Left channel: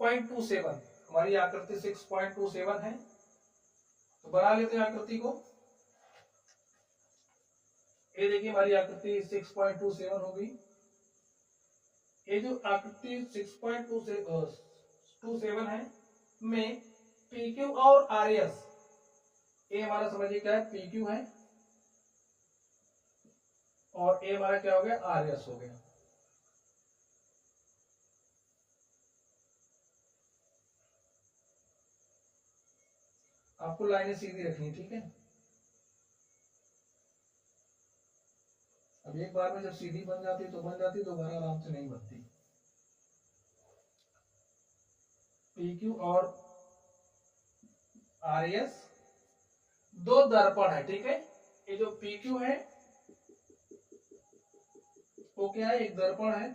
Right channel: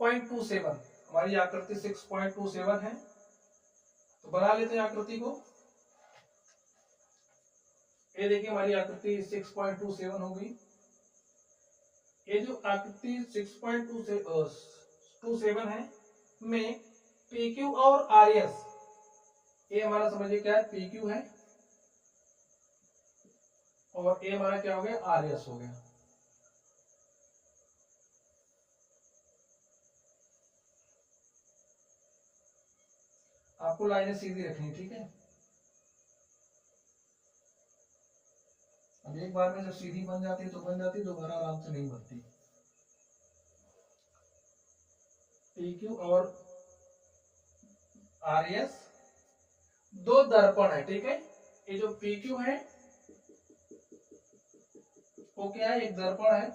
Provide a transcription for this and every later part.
6.27, हमारी आकृति 6.27 है। तो बना लेते हैं आकृति को। ये देखिए हमारी आकृति 6.27 होगी। ये जो आकृति 6.27 है में PQ और RS, ये हमारा समझिए क्या है, PQ है और ये हमारा क्या हो गया, RS हो गया। आपको लाइनें सीधी रखनी, ठीक है। अब एक बार में जब सीधी बन जाती है तो बन जाती है, दोबारा आराम से नहीं बनती। PQ और RS दो दर्पण है, ठीक है। ये जो PQ है वो क्या है, एक दर्पण है।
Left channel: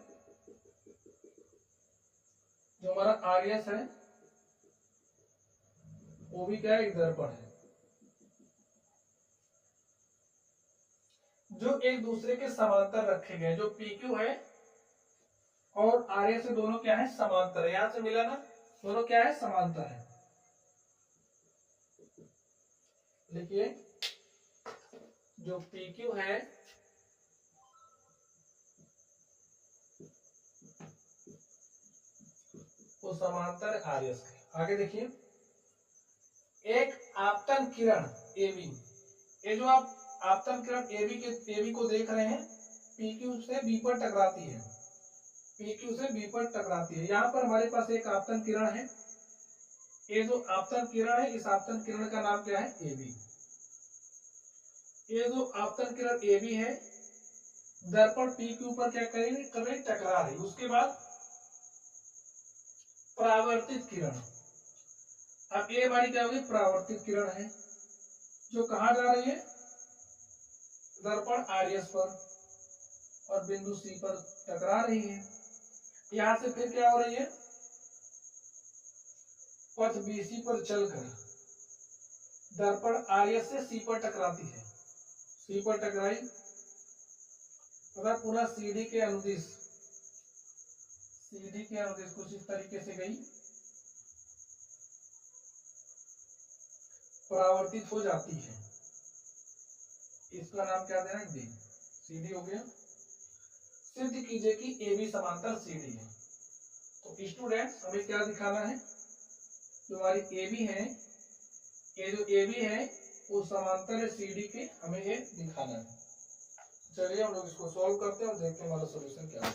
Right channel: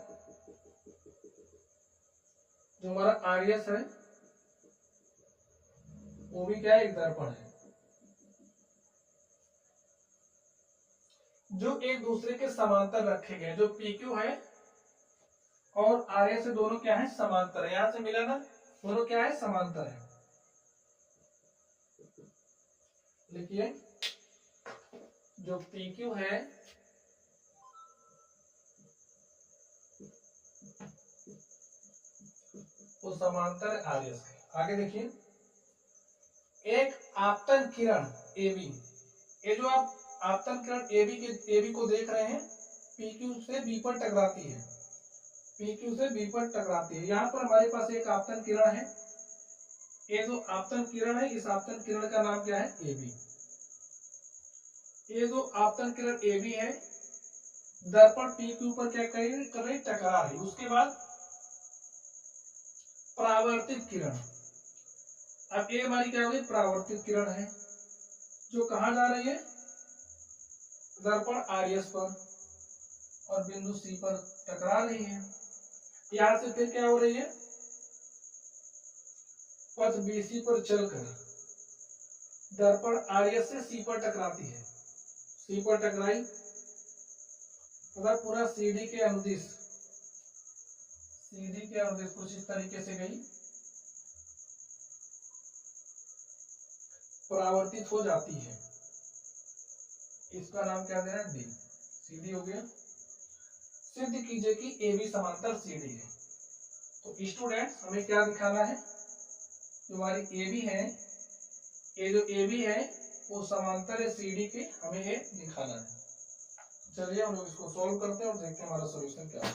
जो हमारा RS है वो भी क्या है, एक दर्पण है, जो एक दूसरे के समांतर रखे गए। जो PQ है और RS से दोनों क्या है, समांतर है। यहां से मिला ना, दोनों क्या है, समांतर है। देखिए जो PQ है वो समांतर RS के। आगे देखिए, एक आपतन किरण AB, ये जो आप आपतन किरण AB को देख रहे हैं, PQ से B पर टकराती है, PQ से B पर टकराती है। यहाँ पर हमारे पास एक आपतन किरण है। ये जो आपतन किरण है, इस आपतन किरण का नाम क्या है, AB। ये जो आपतन किरण AB है, दर्पण PQ पर क्या कर रही, टकरा रही। उसके बाद परावर्तित किरण, अब ये हमारी क्या होगी, परावर्तित किरण है, जो कहाँ जा रही है, दर्पण RS पर और बिंदु C पर टकरा रही है। यहां से फिर क्या हो रही है, पथ BC पर चलकर दर्पण RS से C पर टकराती है। C पर टकराई तथा पूरा CD के अनुदिश कुछ इस तरीके से गई, परावर्तित हो जाती है। इसका नाम क्या देना है, D। CD हो गया। सिद्ध कीजिए कि AB समांतर CD है। तो स्टूडेंट्स हमें क्या दिखाना है, जो हमारी AB है, ये जो AB है वो समांतर है CD के, हमें ये दिखाना है। चलिए हम लोग इसको सॉल्व करते हैं और देखते हैं हमारा सॉल्यूशन क्या है।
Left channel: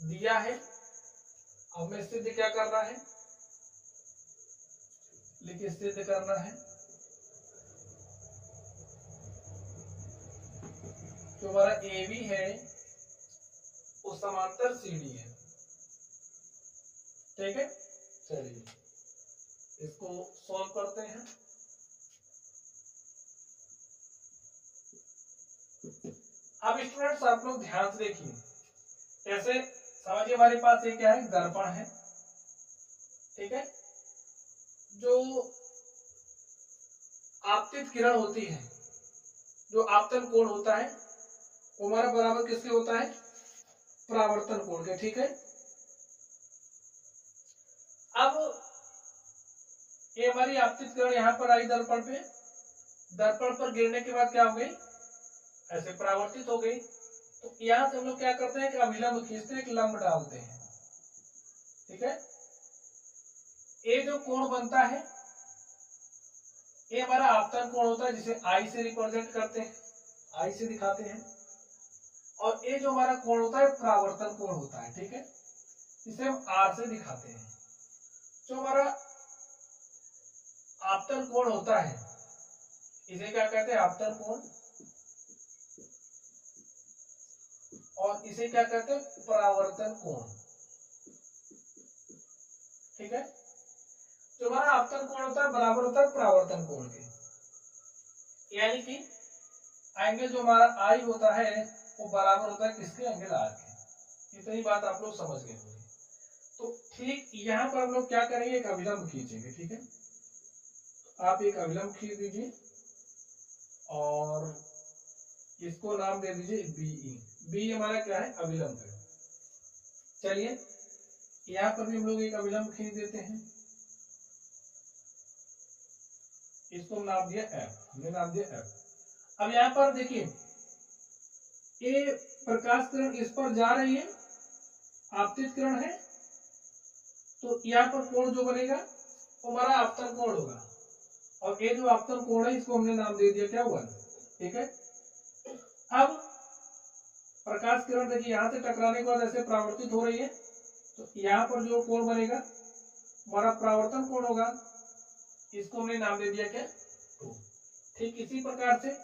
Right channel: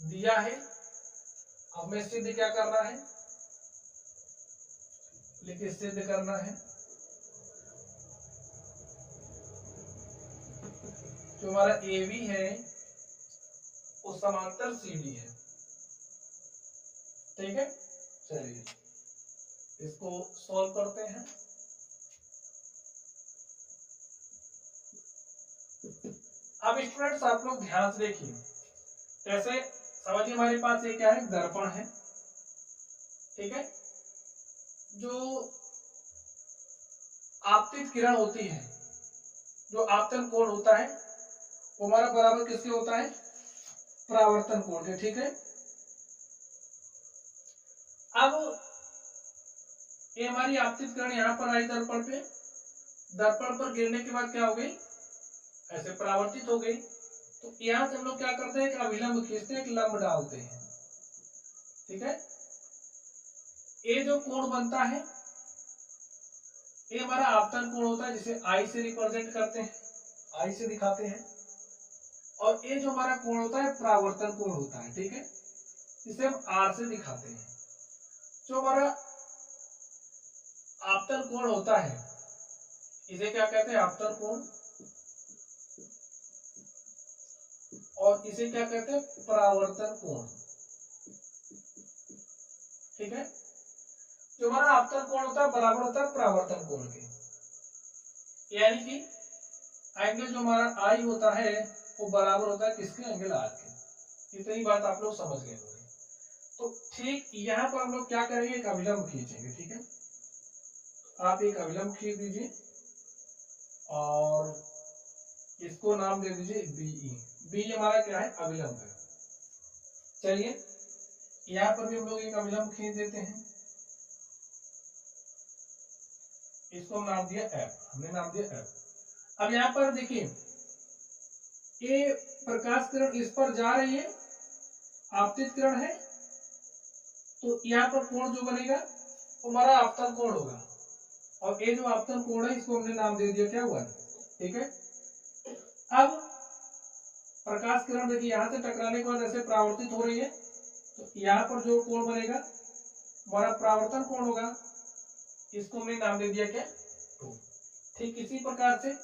दिया है, अब हमें सिद्ध क्या करना है, लेकिन सिद्ध करना है जो हमारा AB है वो समांतर CD है, ठीक है। चलिए इसको सॉल्व करते हैं। अब स्टूडेंट्स आप लोग ध्यान से देखिए, जैसे समझिए हमारे पास ये क्या है, दर्पण है, ठीक है। जो आपतित किरण होती है, जो आपतन कोण होता है, वो हमारा बराबर किसके होता है, परावर्तन कोण के, ठीक है। अब ये हमारी आपतित किरण यहां पर आई दर्पण पे, दर्पण पर गिरने के बाद क्या हो गई, ऐसे परावर्तित हो गई। तो यहां से हम लोग क्या करते हैं, एक अभिलंब खींचते हैं, एक लंब डालते हैं, ठीक है। ये जो कोण बनता है ये हमारा आपतन कोण होता है, जिसे I से रिप्रेजेंट करते हैं, I से दिखाते हैं। और ये जो हमारा कोण होता है परावर्तन कोण होता है, ठीक है, जिसे हम R से दिखाते हैं। जो हमारा आपतन कोण होता है इसे क्या कहते हैं, आपतन कोण, और इसे क्या कहते हैं, परावर्तन कोण, ठीक है। जो हमारा आपतन कोण होता है बराबर होता है परावर्तन कोण के, यानी कि एंगल जो हमारा I होता है वो बराबर होता है किसके, एंगल R के। इतनी बात आप लोग समझ गए होंगे। तो ठीक यहाँ पर हम लोग क्या करेंगे, एक अभिलंब खींचेंगे, ठीक है। आप एक अभिलंब खींच दीजिए और इसको नाम दे दीजिए BE। B हमारा क्या है, अभिलंब है। चलिए यहाँ पर भी हम लोग एक अभिलंब खींच देते हैं, इसको हम नाम दिया एफ, हमने नाम दिया एफ। अब यहाँ पर देखिए ये प्रकाश किरण इस पर जा रही है, आपतित किरण है, तो यहाँ पर कोण जो बनेगा वो हमारा आपतन कोण होगा, और ये जो आपतन कोण है इसको हमने नाम दे दिया क्या हुआ, ठीक है। अब प्रकाश किरण देखिए यहाँ से टकराने के बाद ऐसे परावर्तित हो रही है, तो यहाँ पर जो कोण बनेगा हमारा परावर्तन कोण होगा, इसको हमने नाम दे दिया क्या, 2। ठीक इसी प्रकार से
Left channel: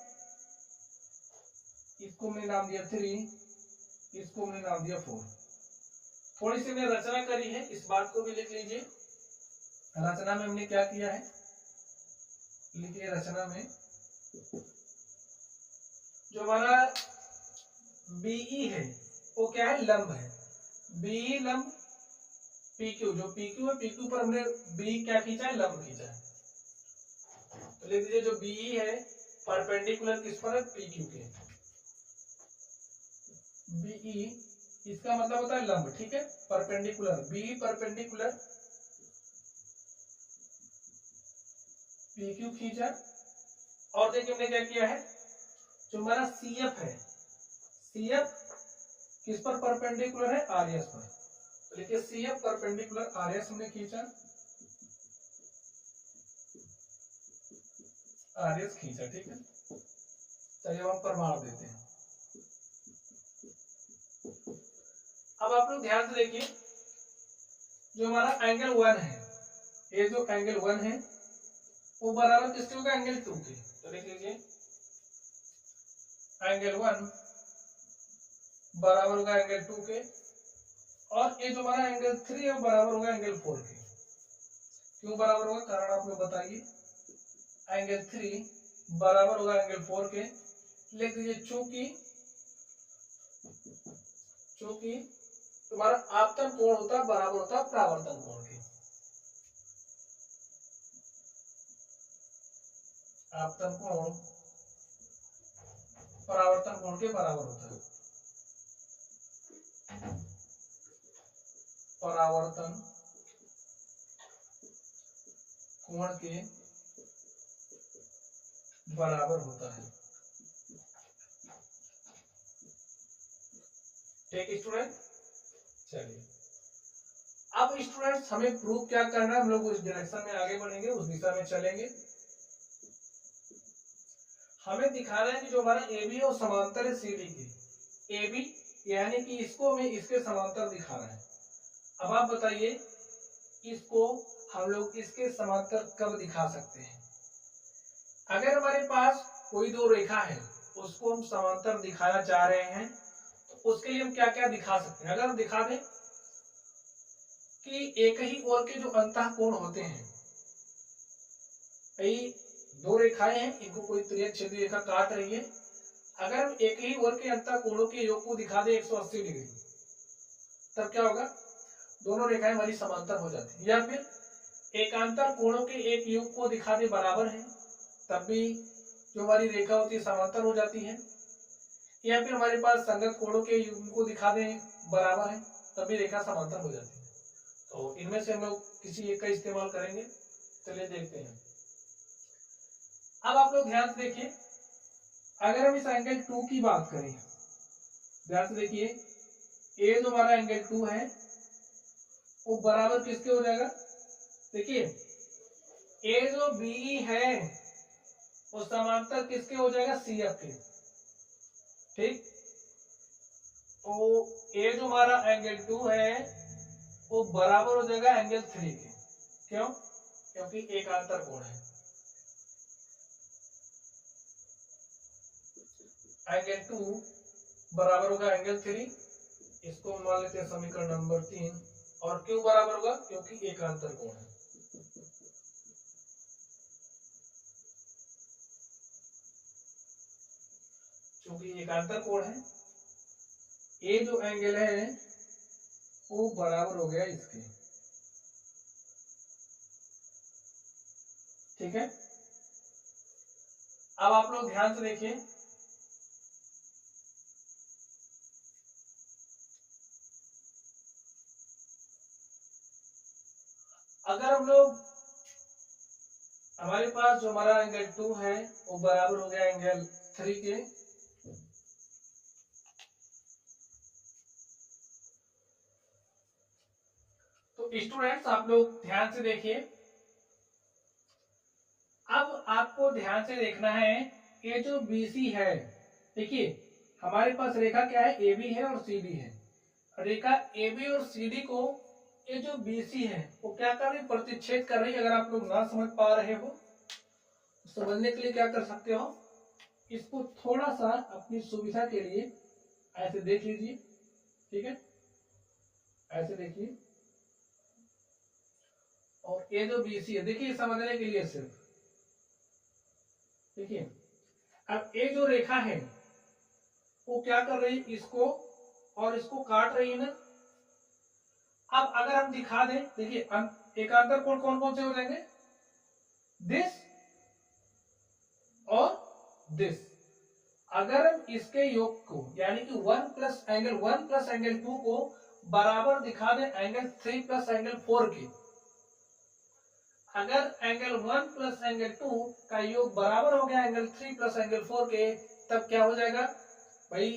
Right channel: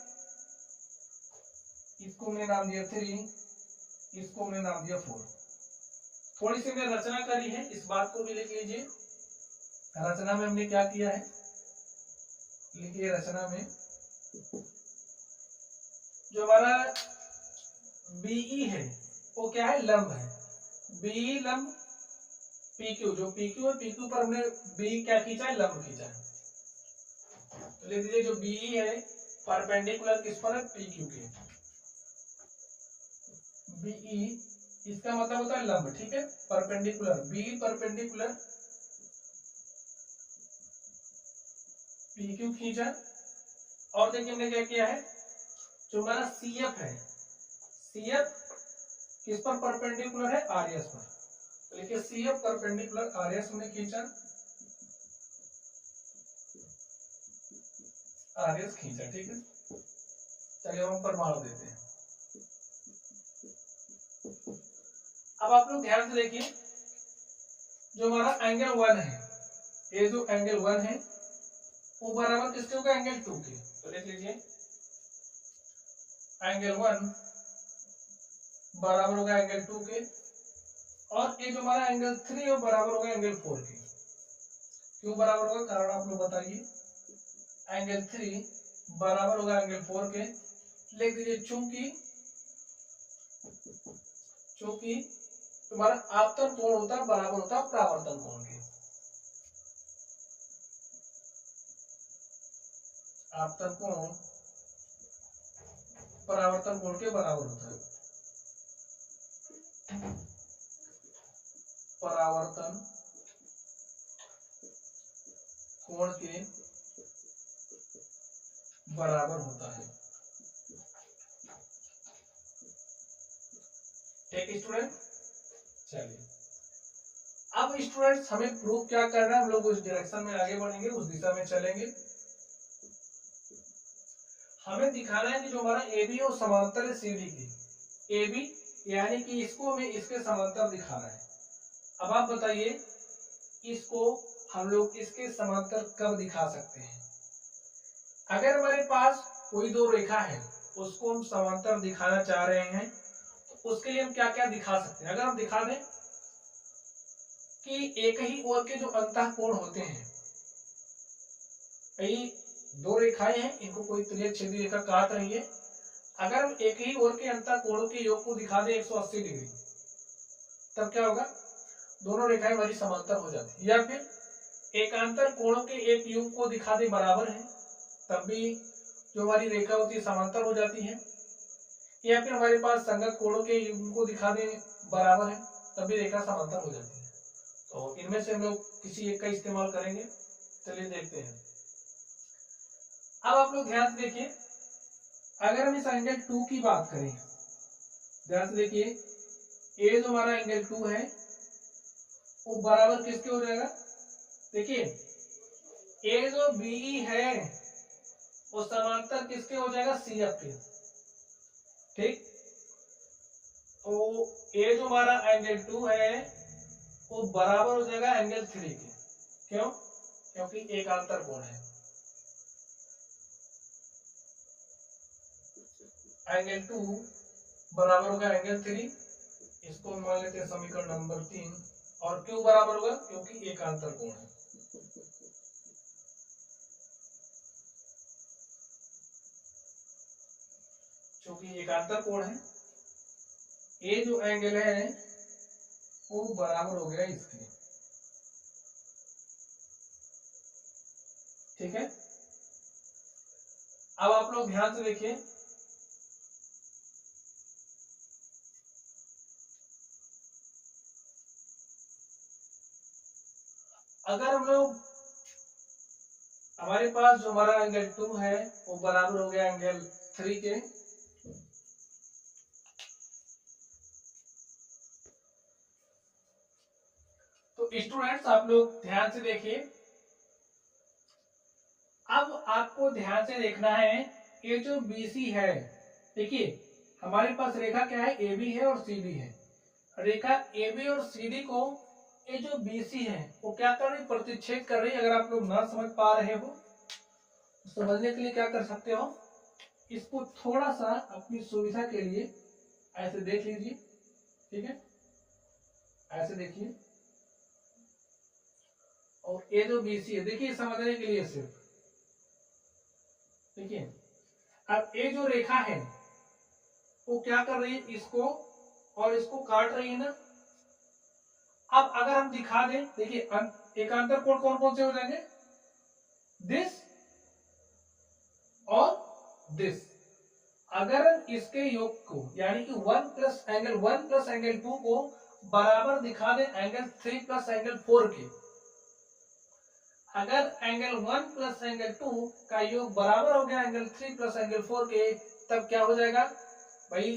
इसको हमने नाम दिया 3, इसको हमने नाम दिया 4। थोड़ी सी हमने रचना करी है, इस बात को भी लिख लीजिए। रचना में हमने क्या किया है, लिखिए रचना में जो हमारा बीई है वो क्या है, लंब है, बीई लंब पीक्यू, जो पीक्यू है पीक्यू पर हमने बी क्या खींचा है, लंब खींचा है, तो लिख दीजिए जो बीई है परपेंडिकुलर किस पर है, पीक्यू के। बीई इसका मतलब होता है लंब, ठीक है, परपेंडिकुलर, बीई परपेंडिकुलर पीक्यू खींचा। और देखिए हमने क्या किया है, जो हमारा सीएफ है, सीएफ किस पर परपेंडिकुलर है, आरएस पर, तो लिखिए सीएफ परपेंडिकुलर आरएस हमने खींचा, आरएस खींचा, ठीक है। चलिए हम प्रमाण देते हैं। अब आप लोग ध्यान से देखिए, जो हमारा एंगल 1 है, ये जो एंगल 1 है वो बराबर किसके होगा, एंगल 2 के, तो लिख लीजिए एंगल 1 बराबर होगा एंगल 2 के, और ये जो हमारा एंगल 3 है वो बराबर होगा एंगल 4 के। क्यों बराबर होगा, कारण आप लोग बताइए। एंगल 3 बराबर होगा एंगल 4 के, लिख दीजिए चूंकि तुम्हारा आपतन कोण होता है बराबर होता है परावर्तन कोण के, आपतन कोण परावर्तन कोण के बराबर होता है, परावर्तन कोण के बराबर होता है, ठीक स्टूडेंट। चलिए अब स्टूडेंट्स हमें प्रूफ क्या करना है, हम लोग उस डायरेक्शन में आगे बढ़ेंगे, उस दिशा में चलेंगे। हमें दिखाना है कि जो हमारा ए बी है वो समांतर है सी डी की, ए बी यानी कि इसको हमें इसके समांतर दिखाना है। अब आप बताइए इसको हम लोग इसके समांतर कब दिखा सकते हैं, अगर हमारे पास कोई दो रेखा है उसको हम समांतर दिखाना चाह रहे हैं, तो उसके लिए हम क्या क्या दिखा सकते हैं। अगर हम दिखा दें कि एक ही ओर के जो अंतः कोण होते हैं, दो रेखाएं हैं, इनको कोई तिर्यक रेखा काट रही है, अगर हम एक ही ओर के अंतः कोणों के योग को दिखा दें 180 डिग्री, तब क्या होगा, दोनों रेखाएं हमारी समांतर हो जाती है। या फिर एकांतर कोणों के एक योग को दिखा दें बराबर है, तब भी जो हमारी रेखा होती है समांतर हो जाती है। या फिर हमारे पास संगत कोणों के योग को दिखा दें बराबर है, तब भी रेखा समांतर हो जाती है। तो इनमें से हम लोग किसी एक का इस्तेमाल करेंगे, चलिए देखते हैं। अब आप लोग ध्यान से देखिए, अगर हम इस एंगल 2 की बात करें, ध्यान से देखिए, ये जो हमारा एंगल 2 है वो बराबर किसके हो जाएगा, देखिए ये जो बी है वो समांतर किसके हो जाएगा, सी एफ के, ठीक। तो ये जो हमारा एंगल 2 है वो बराबर हो जाएगा एंगल 3 के, क्यों, क्योंकि एकांतर कोण है। एंगल 2 बराबर होगा एंगल 3, इसको मान लेते हैं समीकरण नंबर 3, और क्यों बराबर होगा, क्योंकि एकांतर कोण है। क्योंकि एकांतर कोण है, ये जो एंगल है वो बराबर हो गया इसके, ठीक है। अब आप लोग ध्यान से देखिए, अगर हम लोग हमारे पास जो हमारा एंगल 2 है वो बराबर हो गया एंगल 3 के, तो स्टूडेंट्स आप लोग ध्यान से देखिए। अब आपको ध्यान से देखना है ये जो BC है, देखिए हमारे पास रेखा क्या है, AB है और CD है। रेखा AB और CD को ये जो BC है वो क्या कर रही, प्रतिच्छेद कर रही। अगर आप लोग ना समझ पा रहे हो तो समझने के लिए क्या कर सकते हो, इसको थोड़ा सा अपनी सुविधा के लिए ऐसे देख लीजिए, ठीक है, ऐसे देखिए। और ये जो BC है, देखिए समझने के लिए सिर्फ देखिए, अब ये जो रेखा है वो क्या कर रही है, इसको और इसको काट रही है ना। अब अगर हम दिखा दें, देखिए एकांतर कोण कौन कौन से हो जाएंगे, दिस और दिस। अगर इसके योग को यानी कि 1 प्लस एंगल 2 को बराबर दिखा दें एंगल 3 प्लस एंगल 4 के, अगर एंगल 1 प्लस एंगल 2 का योग बराबर हो गया एंगल 3 प्लस एंगल 4 के, तब क्या हो जाएगा भाई,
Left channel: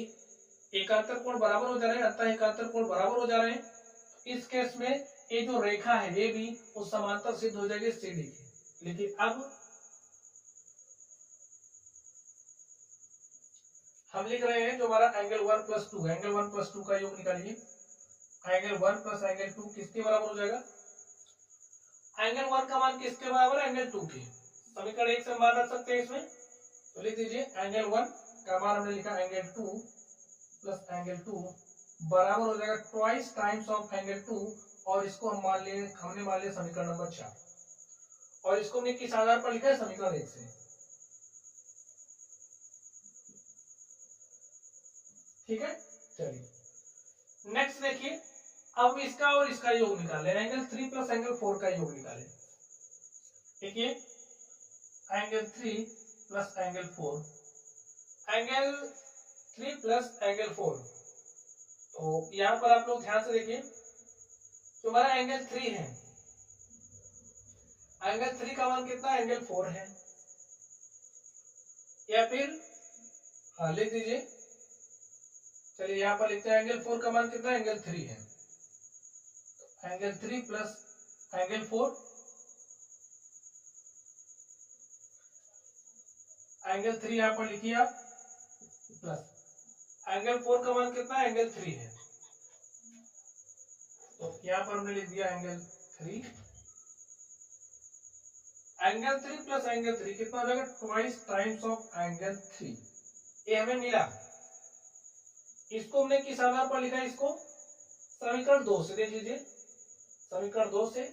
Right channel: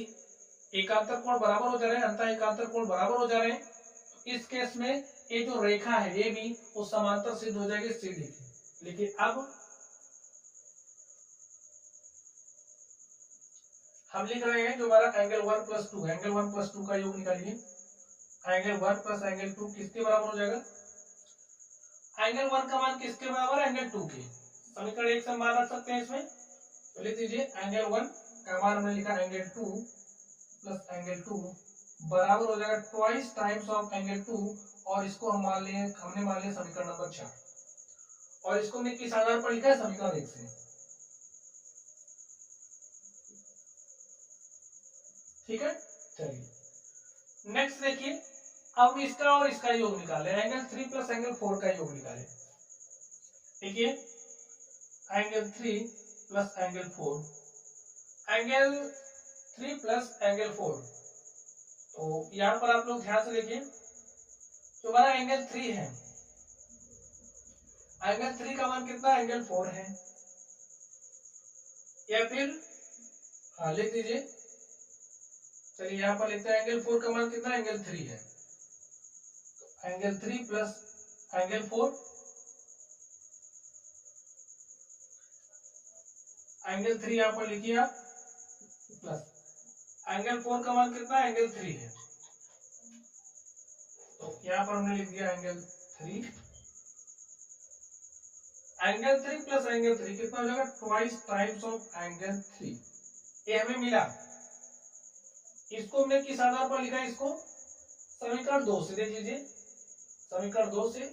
एकांतर कोण बराबर हो जा रहे हैं, अंतः एकांतर कोण बराबर हो जा रहे हैं। इस केस में ये जो रेखा है ये भी वो समांतर सिद्ध हो जाएगी CD की। लेकिन अब हम लिख रहे हैं जो हमारा एंगल 1 प्लस 2, एंगल 1 प्लस 2 का योग निकालिए। एंगल 1 प्लस एंगल 2 किसके बराबर हो जाएगा, एंगल 1 का मान किसके बराबर है, एंगल 2 के। समीकरण 1 से मान रख सकते हैं इसमें, तो लिख दीजिए एंगल 1 का मान हमने लिखा एंगल 2 प्लस एंगल 2 बराबर हो जाएगा ट्वाइस टाइम्स ऑफ एंगल 2, और इसको हम हमने मान लिया समीकरण नंबर 4, और इसको हमने किस आधार पर लिखा है, समीकरण 1 से, ठीक है। चलिए नेक्स्ट देखिए, अब इसका और इसका योग निकाले, एंगल 3 प्लस एंगल 4 का योग निकाले। देखिए angle 3 plus angle 4, angle 3 plus angle 4, तो यहां पर आप लोग ध्यान से देखिए, तो हमारा एंगल 3 है, एंगल 3 का मान कितना, एंगल 4 है, या फिर हाँ लिख दीजिए, चलिए यहां पर लिखते हैं एंगल 4 का मान कितना, एंगल 3 है, एंगल 3 प्लस एंगल 4, एंगल 3 यहां पर लिखिए आप, प्लस एंगल 4 का मान कितना, एंगल 3 है, तो यहां पर हमने लिख दिया एंगल 3, एंगल 3 प्लस एंगल 3 कितना हो जाएगा, ट्वाइस टाइम्स ऑफ एंगल 3, ये हमें मिला। इसको हमने किस आधार पर लिखा, इसको समीकरण 2 से, देख लीजिए समीकरण 2 से,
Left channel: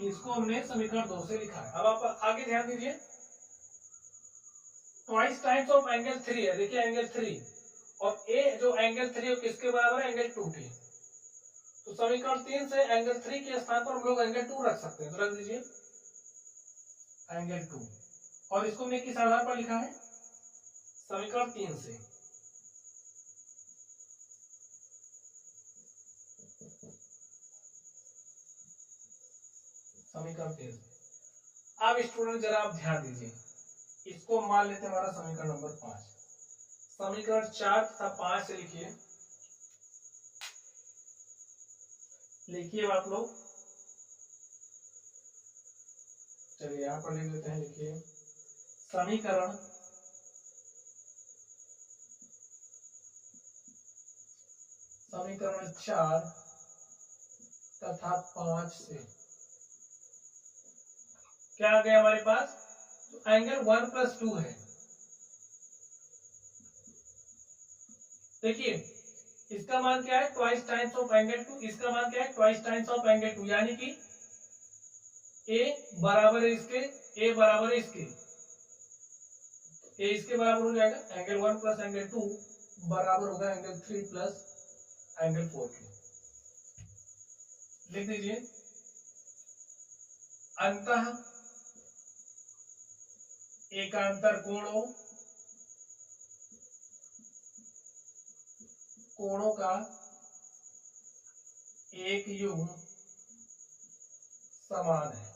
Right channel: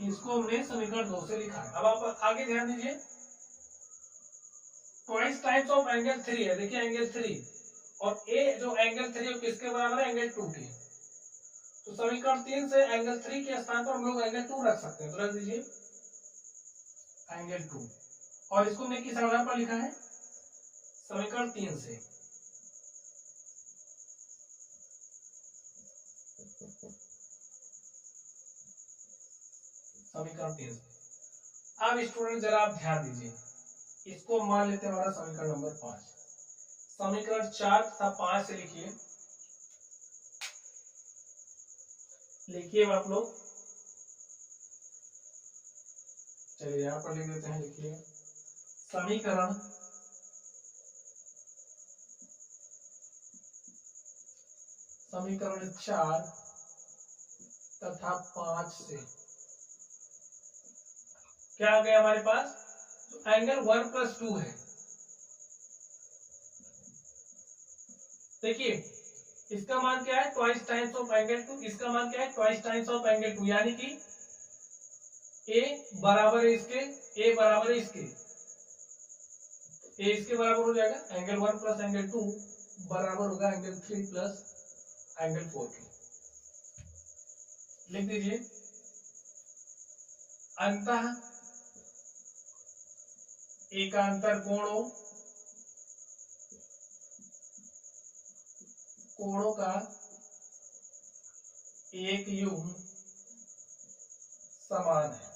इसको हमने समीकरण 2 से लिखा है। अब आप आगे ध्यान दीजिए, ट्वाइस टाइम्स ऑफ एंगल 3 है, देखिए एंगल 3, और ए जो एंगल 3 किसके बराबर है, एंगल 2 के, तो समीकरण 3 से एंगल 3 के स्थान पर हम लोग एंगल 2 रख सकते हैं, तो रख दीजिए एंगल 2, और इसको हमने किस आधार पर लिखा है, समीकरण 3 से, समीकरण 3 से। अब स्टूडेंट जरा आप ध्यान दीजिए, इसको मान लेते हैं हमारा समीकरण नंबर 5, समीकरण 4 तथा 5 से लिखिए, लिखिए आप लोग, चलिए यहां पर लिख लेते हैं, लिखिए समीकरण समीकरण 4 तथा 5 से क्या आ गया हमारे पास, तो एंगल 1 प्लस 2 है, देखिए इसका मान क्या है, ट्वाइस टाइम्स ऑफ एंगल 2, इसका मान क्या है, ट्वाइस टाइम्स ऑफ एंगल 2, यानी कि ए बराबर है इसके, ए बराबर है इसके, ए इसके बराबर हो जाएगा, एंगल 1 प्लस एंगल 2 बराबर होगा एंगल 3 प्लस एंगल 4 के, लिख दीजिए अंतः एकांतर कोणों कोणों का एक युग्म समान है।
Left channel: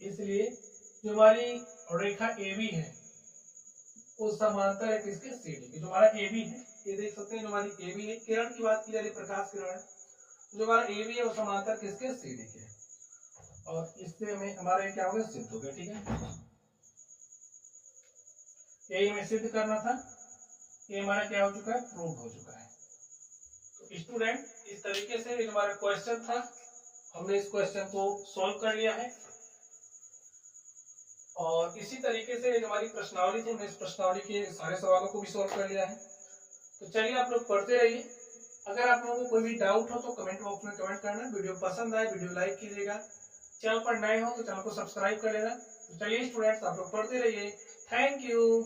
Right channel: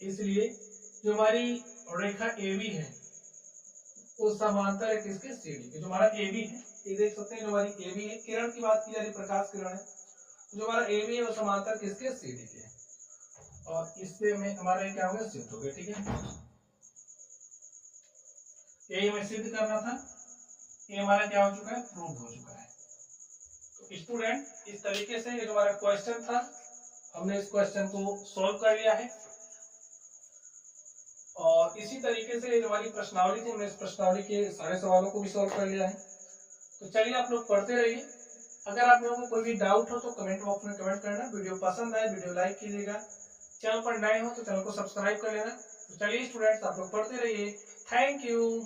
इसलिए जो हमारी रेखा AB है वो समांतर है किसके, CD के। जो हमारा AB है, ये देख सकते हैं, जो हमारी AB है, किरण की बात की जा रही, प्रकाश किरण है, जो हमारा AB है वो समांतर किसके, CD के। और इससे में हमारा ये क्या हो गया, सिद्ध हो गया। ठीक है, यही हमें सिद्ध करना था, ये हमारा क्या हो चुका है, प्रूव हो चुका है। तो स्टूडेंट, इस तरीके से ये जो हमारा क्वेश्चन था, हमने इस क्वेश्चन को सॉल्व कर लिया है। और इसी तरीके से जो हमारी प्रश्नावली थी, हमने इस प्रश्नावली के सारे सवालों को भी सॉल्व कर लिया है। तो चलिए आप लोग पढ़ते रहिए। अगर आप लोगों को कोई भी डाउट हो तो कमेंट बॉक्स में कमेंट करना। वीडियो पसंद आए वीडियो लाइक कीजिएगा, चैनल पर नए हो तो चैनल को सब्सक्राइब कर लेना। तो चलिए स्टूडेंट्स, आप लोग पढ़ते रहिए। Thank you.